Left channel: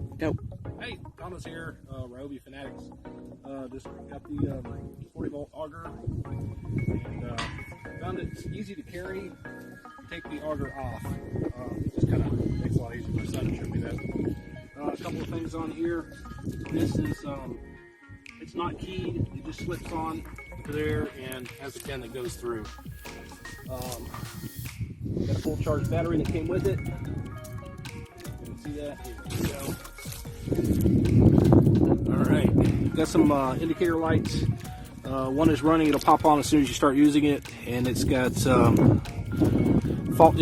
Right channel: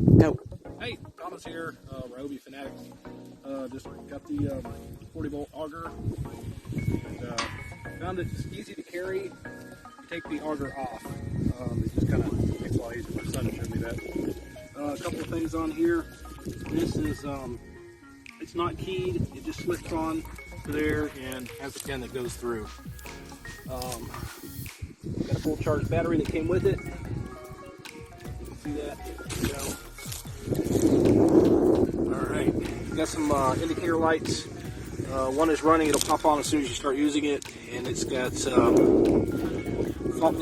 No. Hey, Thomas here, Ryobi fanatic. Just got the 40-volt auger. And, found it easy to carry. You take the auger off. It just kind of makes it a lot easier. My son showed me that. A couple of things on here. This is, it's not keyed. It just slips on to there and has a pin that goes through. Got a full charge battery that came with it. You can see that. Here we go. Alright, got some indicator lights. One is running, it'll pop on as soon as you start using it, and it's got fault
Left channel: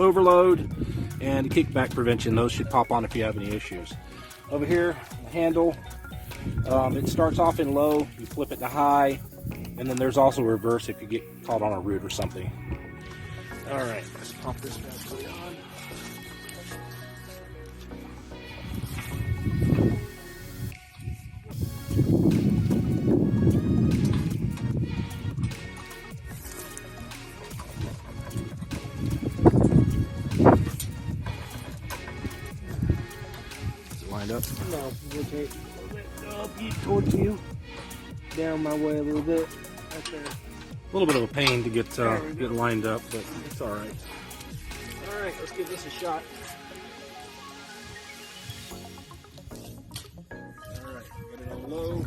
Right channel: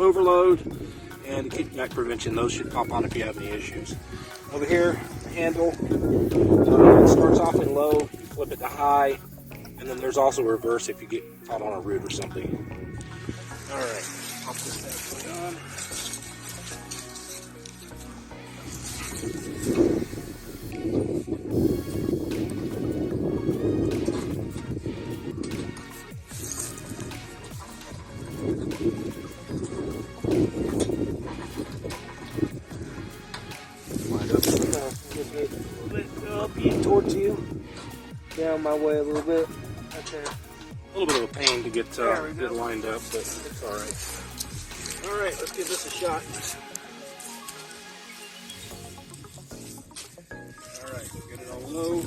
overload and kickback prevention. Those should pop on if you have any issues. Over here, the handle, it starts off in low, you flip it to high, and then there's also reverse if you get caught on a root or something. Alright, pop this bad boy on. Wind up. A little bit up towards you. Down my way a little bit. Okay. A little bit of a pain to get lined up, but it's all right. All right, let's give this a shot. All right, get it on low.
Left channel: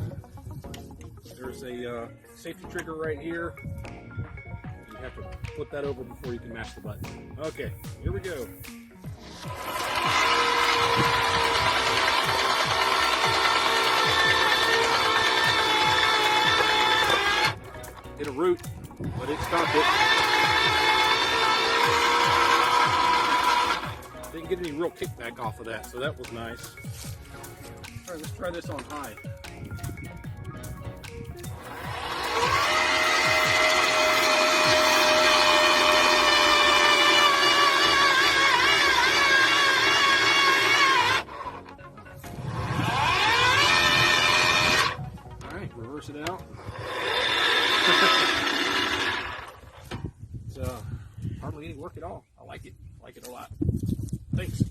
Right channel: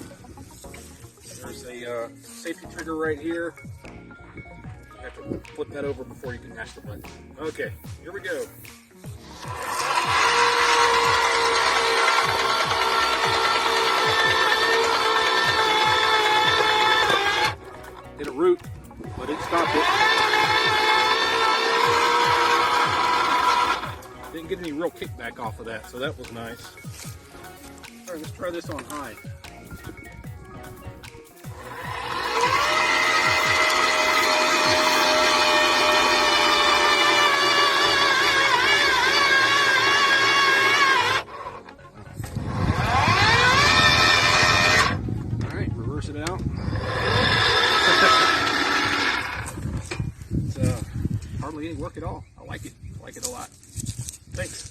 There's a safety trigger right here. You have to flip that over before you can mash the button. Okay, here we go. Hit a root, but it stopped it. Didn't get any real kickback off of that, so that was nice. All right, let's try this on high. All right, reverse it out. It's hardly any work at all. I like it. I like it a lot. Thanks.